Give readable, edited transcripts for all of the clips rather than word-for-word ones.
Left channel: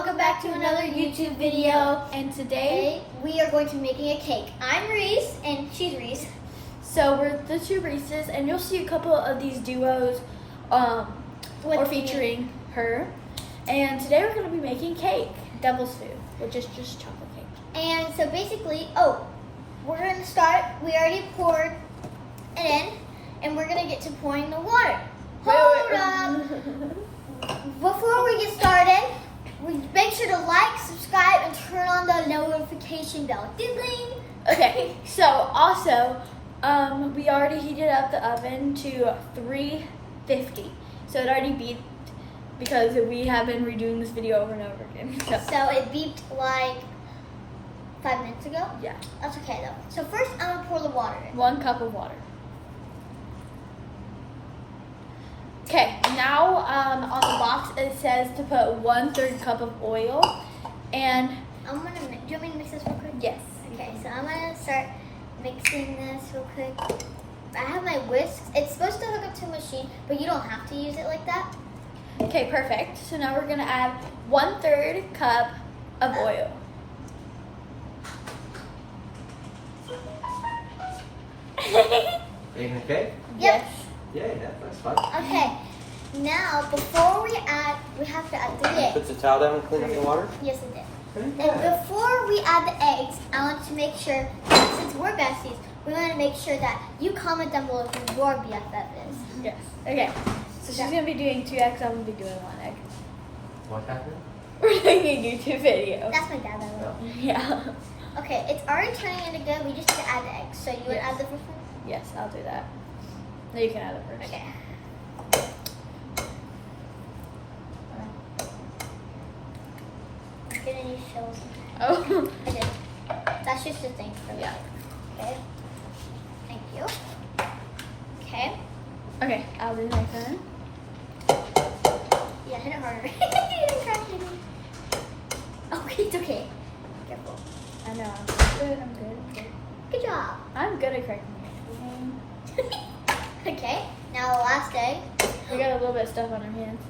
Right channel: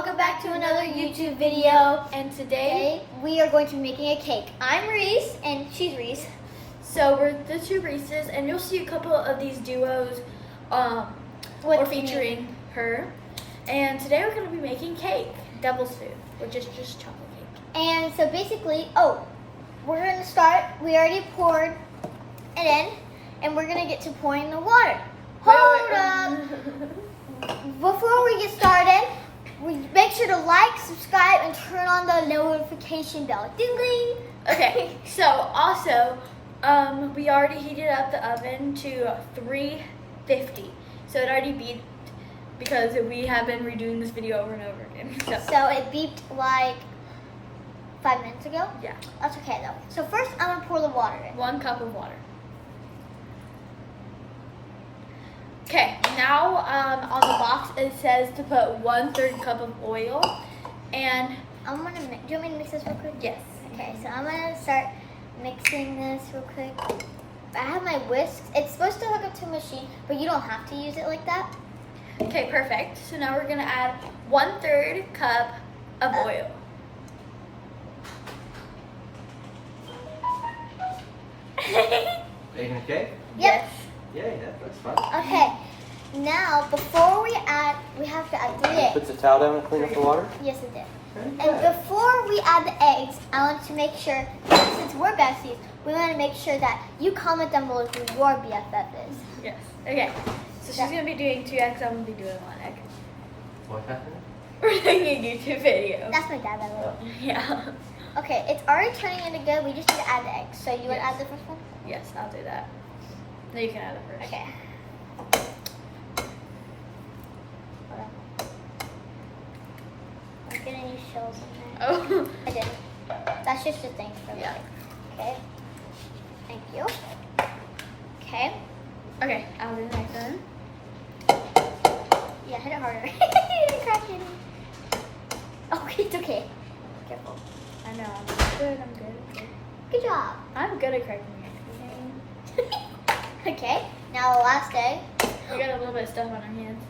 welcome back to another YouTube video. And today we are going to be making a cake. I'm Reese and she's Reese. So we're the two Reeses, and you'll see a couple of these duos or featuring her. And today we're going to be making cake, devil's food, which is just chocolate cake. And so basically, we're going to start. We already poured it in, and we're going to get to pouring the water. Hold up. Before we get started, make sure to like, subscribe, and turn on the notification bell. Ding ding. Okay, so also, we already heated up the oven to 350. So it already beeped because we have been redoing this video over and over again. So it beeped like 5 minutes ago? Yeah. That's okay though. So first I'm going to pour the water in. 1 cup of water. Okay, now on the box it says to put 1/3 cup of oil, and do you want me to mix this real quick? yes. Okay, so I'm gonna start mixing this real quick. I have my whisk. It's supposed to hook up to a machine, but you don't have to use it like that. Okay, perfect. So now we're gonna add 1/3 cup of oil. Okay? Yes. Yeah, that looks fun. Okay, now before we have to add the eggs. Puts the towel down and cleans the water. Yes, it did. And before we add the eggs, I want to make sure, since we're besties, we want to make sure that you comment down below who your BFF is. Yes. Okay. So she's gonna be doing 2 eggs. I'm gonna be doing 1 egg. What happened? We're doing a YouTube video. That's my dad, by the way. Yeah. Okay, it's already turning into good. We just need to add the eggs. So you would Yes. add the first one? Yes, I'll do that. No, you can add it first. Okay. Hold on. I'm gonna use shells sometimes. Oh. I did. That's just the thing for me. Yeah. Okay. Thank you. Okay. Okay, I'll do the next one. Yeah, hit it harder. Try hitting. Okay, it's okay. Careful. I know. I'm good. I'm good. I'm good. Good job. I'm good at cracking eggs. Okay. Now the last egg. We got a little bit of stuff on our hands.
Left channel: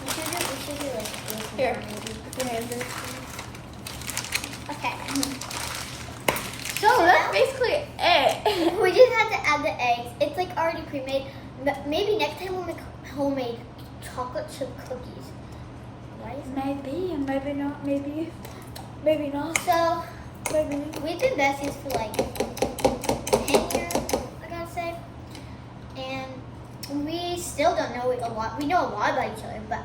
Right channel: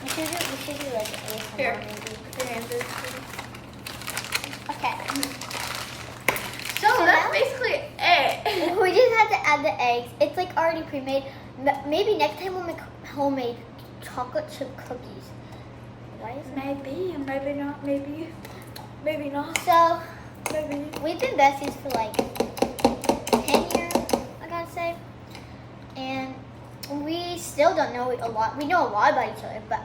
We should do like ASMR Here. maybe. Put your hands in. Okay. So that's basically it. We just have to add the eggs. It's like already pre-made. Maybe next time we'll make homemade chocolate chip cookies. Right? Maybe, maybe not. Maybe not. So Maybe. we've been besties for like 10 years, I gotta say. And we still don't know a lot. We know a lot about each other, but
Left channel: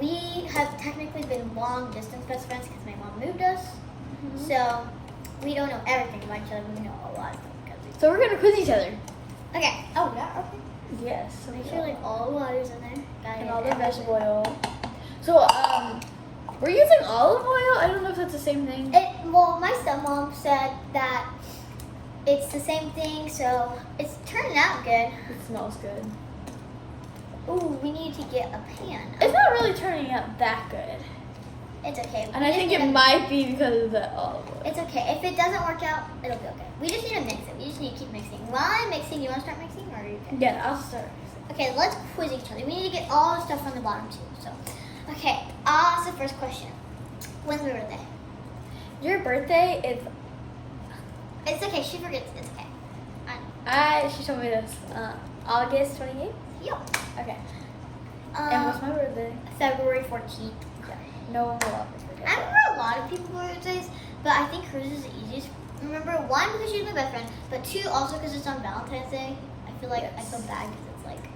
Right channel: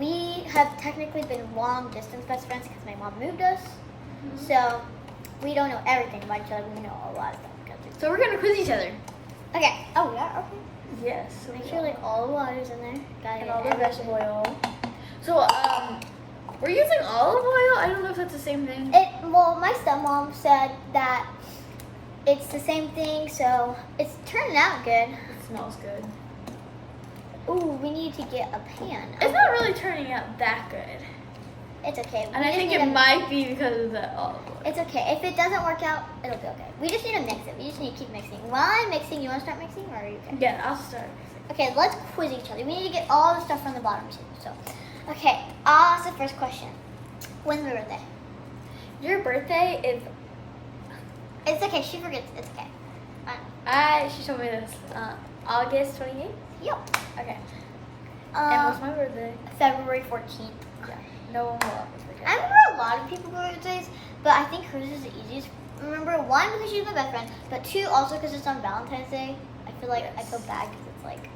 we have technically been long distance best friends because my mom moved us. So we don't know everything about each other. We know a lot about each other. So we're gonna quiz each other. Okay. Oh, yeah. Okay. Yes. So Make we sure like all the water's in there. Got and it. all the vegetable oil. So we're using olive oil. I don't know if that's the same thing. Well, my stepmom said that it's the same thing, so it's turning out good. It smells good. Ooh, we need to get a pan. It's not really turning out that good. It's okay. And I think it might be because of the olive oil. It's okay. If it doesn't work out, it'll be okay. We just need to mix it. We just need to keep mixing. While I'm mixing, you want to start mixing, or are you okay? Yeah, I'll start. Okay, let's quiz each other. We need to get all the stuff on the bottom too. So, okay, I'll ask the first question. When's my birthday? Your birthday is. It's okay. She forgets. It's okay. Fine. She told me this. August 28th. Yep. Okay. And what's my birthday? February 14th. Yeah. No one will ever forget. I that. remember a lot of people's birthdays, but I think hers is the easiest. Remember, 1, because she's my best friend, but 2, also because it's on Valentine's Day. I feel like I feel bad because it's like,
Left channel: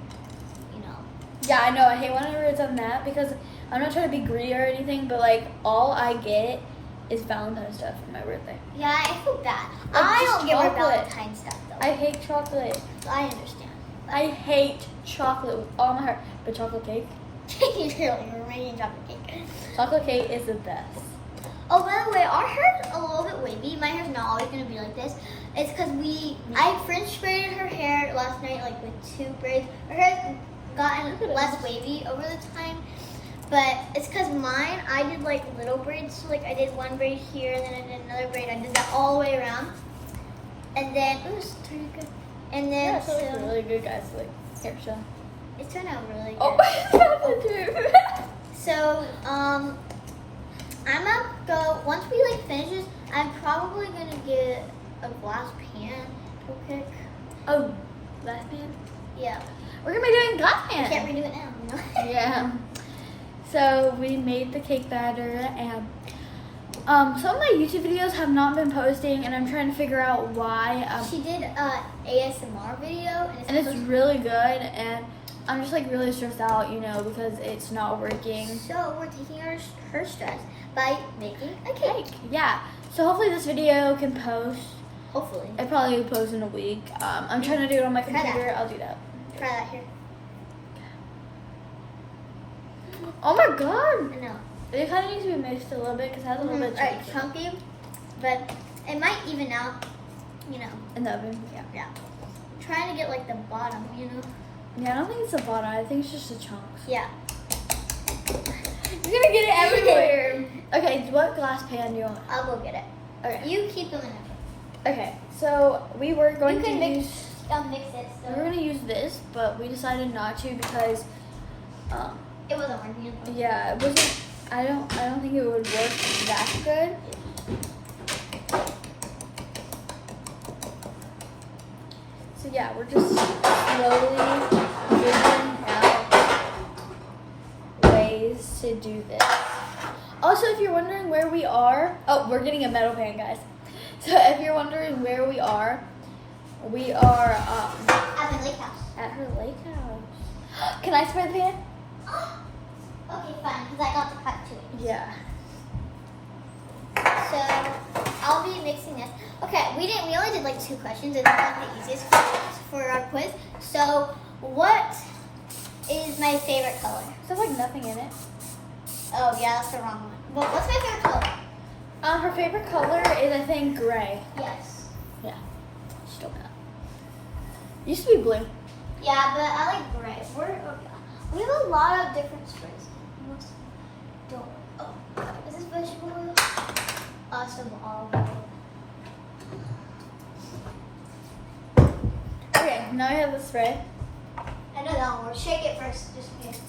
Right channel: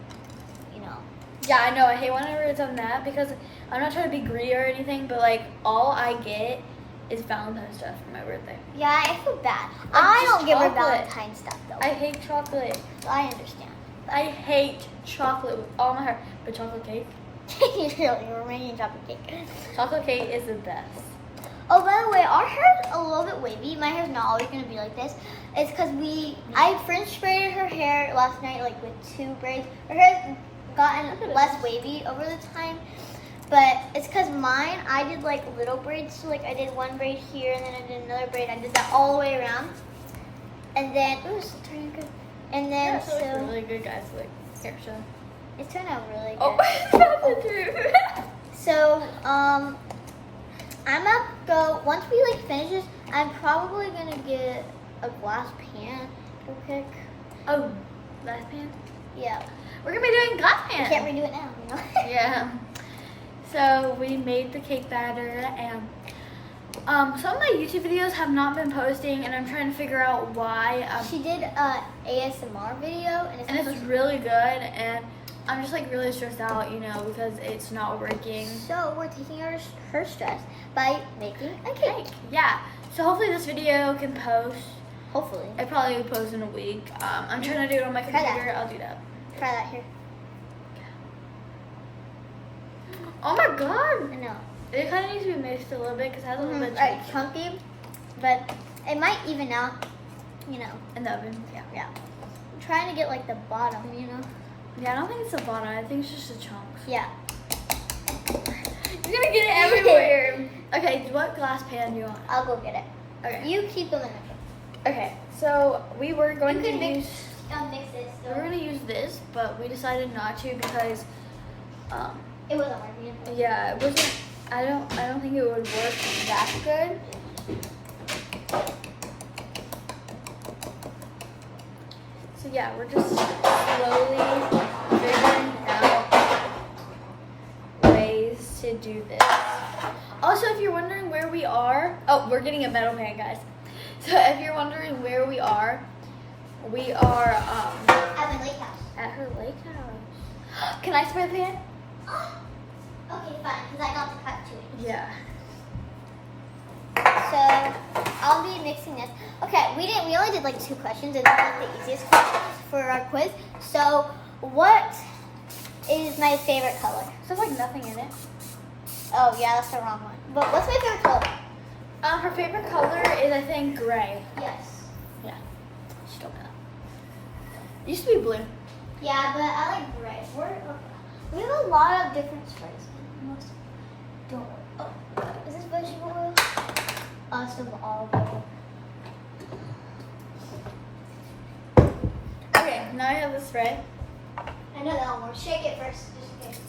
you know. Yeah, I know. I hate whenever it's on that because I'm not trying to be greedy or anything, but like all I get is Valentine's stuff for my birthday. Yeah, I feel bad. Like, I just don't give her chocolate. Valentine's stuff though. I hate chocolate. I understand. I hate chocolate with all my heart. But chocolate cake? We're making chocolate cake. Chocolate cake is the best. Oh, by the way, our hair's a little bit wavy. My hair's not always gonna be like this. It's because I French braided her hair last night, like with 2 braids. Her hair's gotten Look at less this. wavy over the time, but it's because mine, I did like little braids. So like I did 1 braid here, and then I did another braid. I did that all the way around, and then it was doing good. And then Yeah, so it's really good, guys. Like, here, show. It turned out really good. Oh, that's the truth. So, I'm gonna go, once we like finish this, I'm probably gonna get a glass pan to pick. Oh, glass pan. Yeah. We're gonna be doing glass I pan. can't redo it now, you know? Yeah. So we made the cake batter, and some of my YouTube videos have not been posting, and I'm trying to figure out why. She did a ASMR video, And it's really good, and I'm just like really stressed out, you know, because it's not working. so we're taking her stress by making a cake. Yeah. So hopefully this video can post. Hopefully. It probably will post in a week. I'm trying to do it on my Try that. computer. I'll do that. Try that here. Oh my god! I know. It kind of needs to be mixed a little bit because it has a little bit of Like chunks chunky, but it might even out, you know. in the oven. Yeah. Yeah. I'm trying to get like the bottom, you know. Yeah, I don't think it's the bottom. I think it's just the chunks. Yeah. You're gonna get it everywhere. Okay, what glass pan do you want? I'll go get it. Okay. You keep them in the Okay. So we were going You to can use. mix this. We were gonna use this, but we decided not to because, It wasn't working. yeah, it wasn't. I don't think it would work that good. So yeah, we're just slowly figuring out ways to do this. Also, if you're wondering where we are, oh, we're getting a metal pan, guys. So if you're wondering where we are At my lake house. at her lake house. Can I spray the pan? Okay, fine, because I got the cut to it. Yeah. So I'll be mixing this. Okay, we only did like 2 questions. It's not the easiest questions for our quiz. So what is my favorite color? There's like nothing in it. Oh yeah, that's the wrong one. But what's my favorite color? Her favorite color is, I think, gray. Yes. Yeah. She told me that. It used to be blue. Yeah, but I like gray. We have a lot of different sprays. Is this vegetable oil? Some olive oil. Okay, now I have the spray. I know that one. Shake it first, just in case.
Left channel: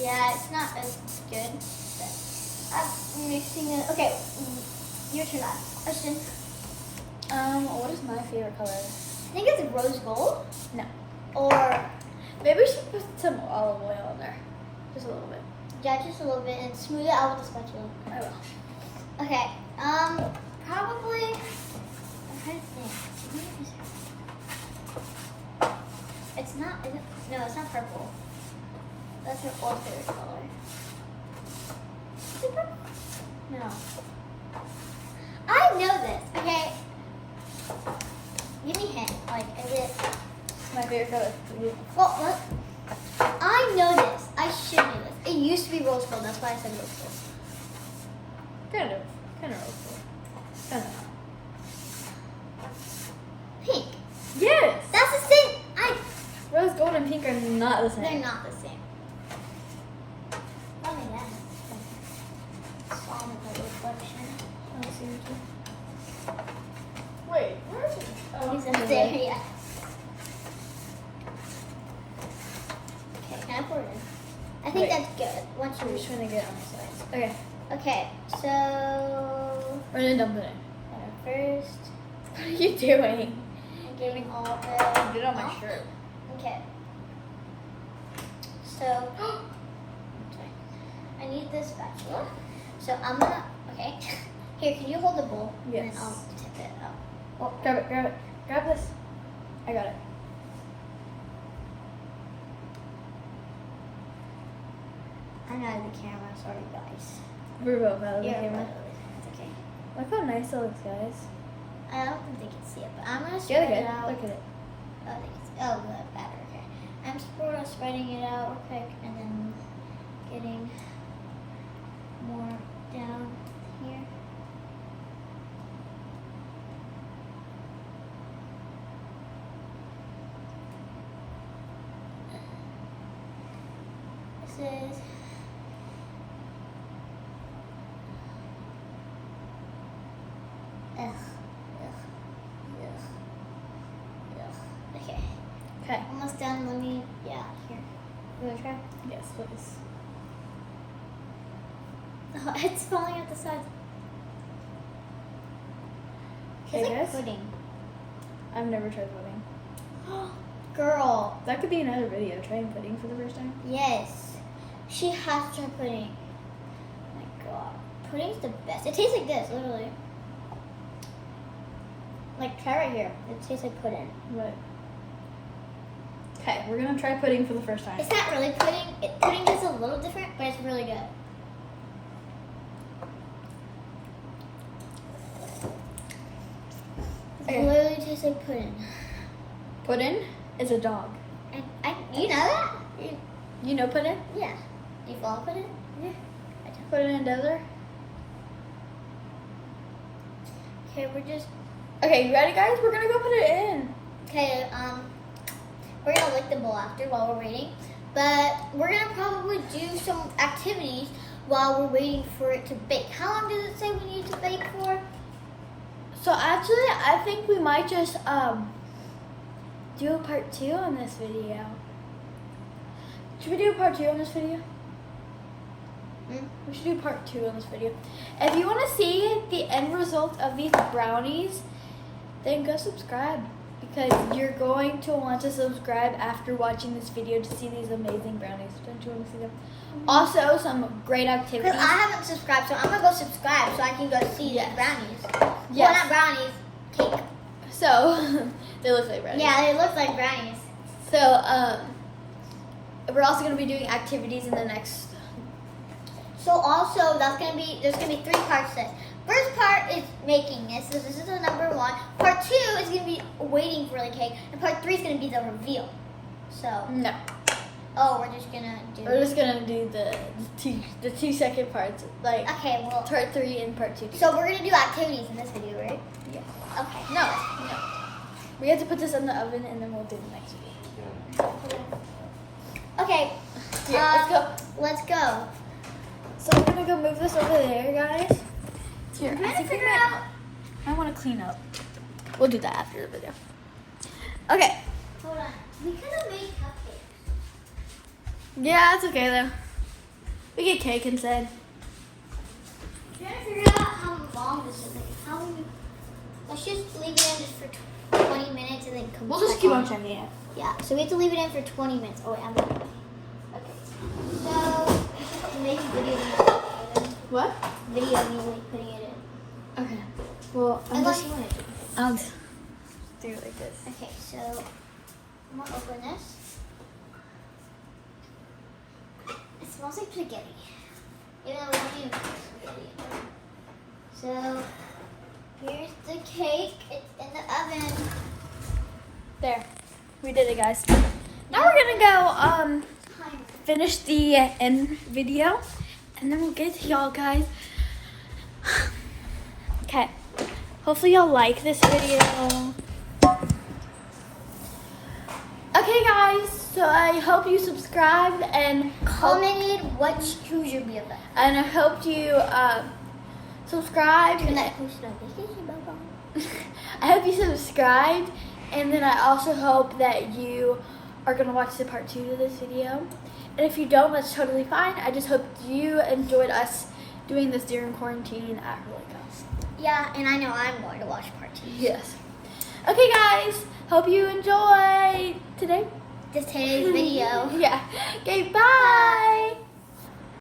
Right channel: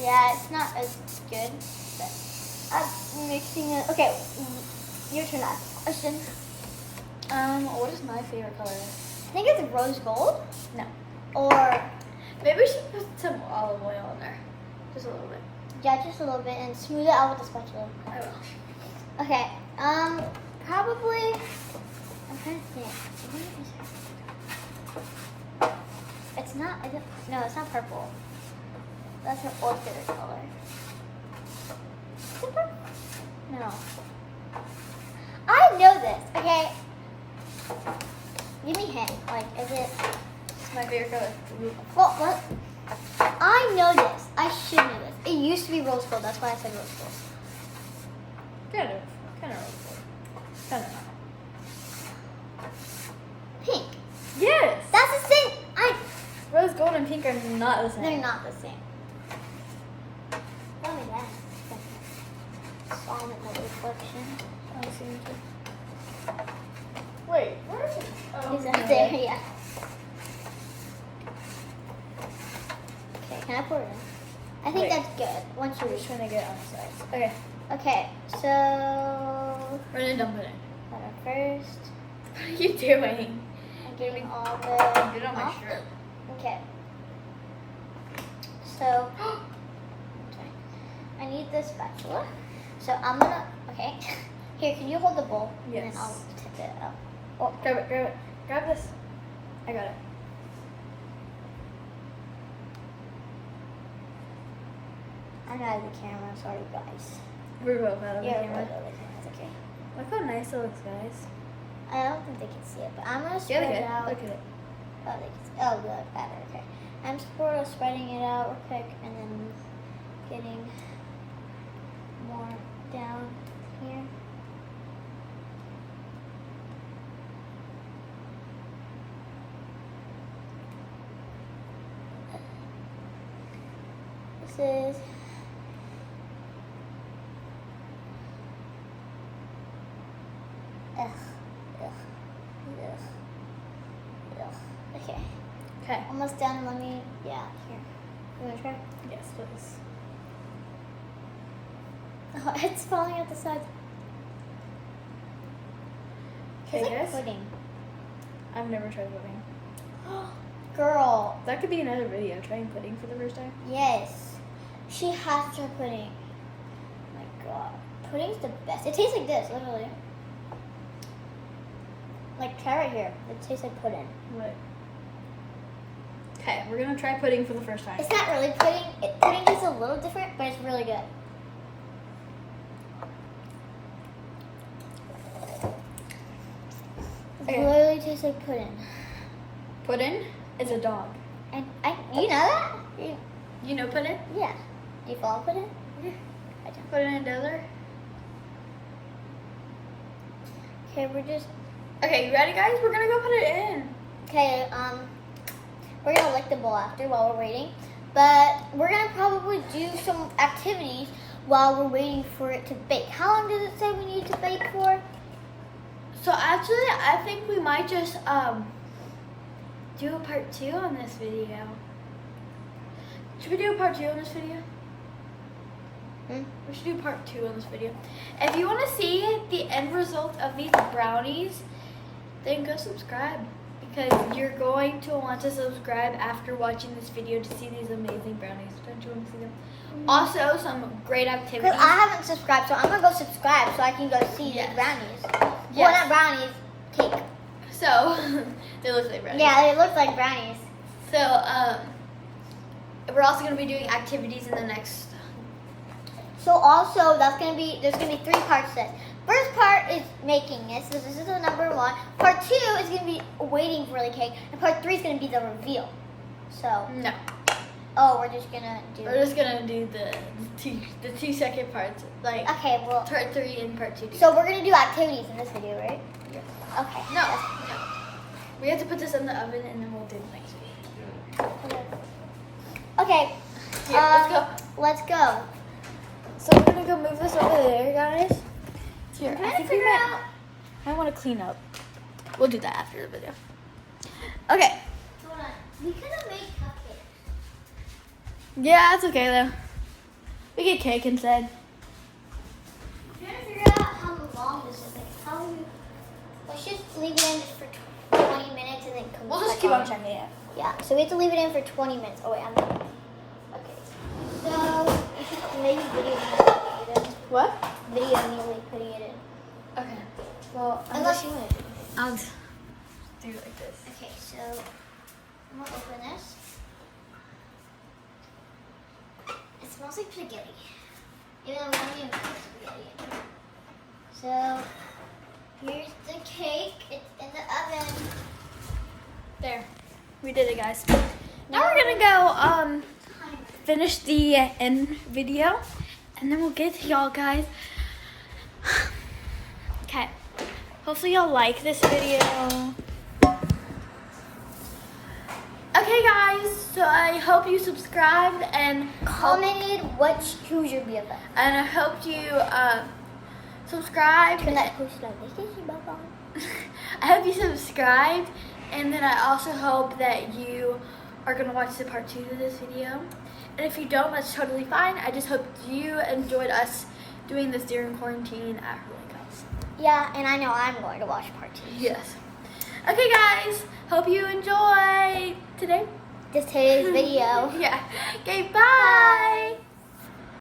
Yeah, it's not as good. I'm mixing it. Okay, your turn now. Question. What is my favorite color? I think it's rose gold. No. Or, Maybe we should put some olive oil in there. Just a little bit. yeah, just a little bit and smooth it out with the spatula. I will. Okay, probably, I'm trying to think. It's not, no, it's not purple. That's her old favorite color. Is it purple? No. I know this, okay? Give me a hint, like, is it, It's my favorite color. well, what? I know this. I should know this. It used to be rose gold, that's why I said rose gold. Kind of rose gold. Kind of. Pink. Yes! That's the same. Rose gold and pink are not the same. They're not the same. Look at that. Slide of the reflection. Oh, see you. Wait, where is it? Oh, He's right there, yeah. Okay, can I pour it in? I think Wait. that's good. Once I'm you just trying to get it on the sides. Okay, Okay, so we're gonna dump it in. hold on first. What are you doing? I'm getting all the Get it on my off. shirt. Okay. So okay. I need this spatula. So I'm gonna okay. Here, can you hold the bowl? Yes. And then I'll tip it up. Oh, grab it, grab it. Grab this. I got it. I'm out of the camera, sorry guys. We're both out of the Yeah, camera. It's okay. Look how nice it looks, guys. I don't think they can see it, but I'm gonna Yeah, spread they're it good. out. Look at it. Oh, good, better, okay. I'm sort of spreading it out real quick and then getting more down here. This is Ugh. Ugh. Ugh. Ugh. Okay. Okay. Almost done. Let me. Yeah. Here. You want to try? Yes, please. Oh, it's falling out the sides. Okay, It's like guys. pudding. I've never tried pudding. Girl. That could be another video, trying pudding for the first time. Yes. She has to try pudding. Oh my god. Pudding's the best. It tastes like this, literally. Like, try right here. It tastes like pudding. What? Okay, we're gonna try pudding for the first time. It's not really pudding. Pudding tastes a little different, but it's really good. It Okay. really tastes like pudding. Pudding is a dog. You know that? You know pudding? Yeah. You follow pudding? Yeah. Pudding in desert. Okay, we're just. Okay, you ready, guys? We're gonna go put it in. Okay, we're gonna lick the bowl after while we're waiting. But we're gonna probably do some activities while we're waiting for it to bake. How long does it say we need to bake for? So actually, I think we might just do a part 2 on this video. Should we do a part 2 on this video? We should do part 2 on this video. If you want to see the end result of these brownies, then go subscribe. Because you're going to want to subscribe after watching this video to see these amazing brownies. Don't you want to see them? Also, some great activities. Because I haven't subscribed, so I'm gonna go subscribe so I can go see Yes. the brownies. Yes. Well, not brownies, cake. So, they look like brownies. Yeah, they look like brownies. So, we're also going to be doing activities in the next. So also, there's gonna be 3 parts to this. First part is making this. This is the number 1. Part 2 is gonna be waiting for the cake, and part 3 is gonna be the reveal. So, No. we're just gonna do. We're just going to do the 2-second parts. Like, Okay, well. part 3 and part 2. So we're gonna do activities in this video, right? Yeah. Okay. No. We have to put this in the oven and then we'll do the next video. Okay. Here, let's go. Let's go. So we're going to go move this over there, guys. Here, I think we I want to clean up. We'll do that after the video. Okay. Hold on. We could have made cupcakes. Yeah, that's okay though. We get cake instead. I'm trying to figure out how long this is. Let's just leave it in for 20 minutes and then come We'll just back keep on checking it. Yeah, so we have to leave it in for 20 minutes. Oh, wait, I'm not. Okay. So, we should make video. What? Video me putting it in. Okay. Well, Unless you want to do it. I'll just do it like this. Okay, so I'm gonna open this. It smells like spaghetti. Even though we don't even put spaghetti in there. So here's the cake. It's in the oven. There. We did it, guys. Now we're gonna go finish the end video, and then we'll get it to y'all, guys. Okay. Hopefully y'all like this video. Okay, guys. So I hope you subscribed and Commented who's your BFF. and I hope you subscribed. Turn that post notification bell on. I hope you subscribed, and then I also hope that you are going to watch the part 2 to this video. And if you don't, that's totally fine. I just hope you enjoyed us doing this during quarantine at her lake house. Yeah, and I know I'm going to watch part 2. Yes. Okay, guys. Hope you enjoyed today's Today's video. Yeah. Okay, bye.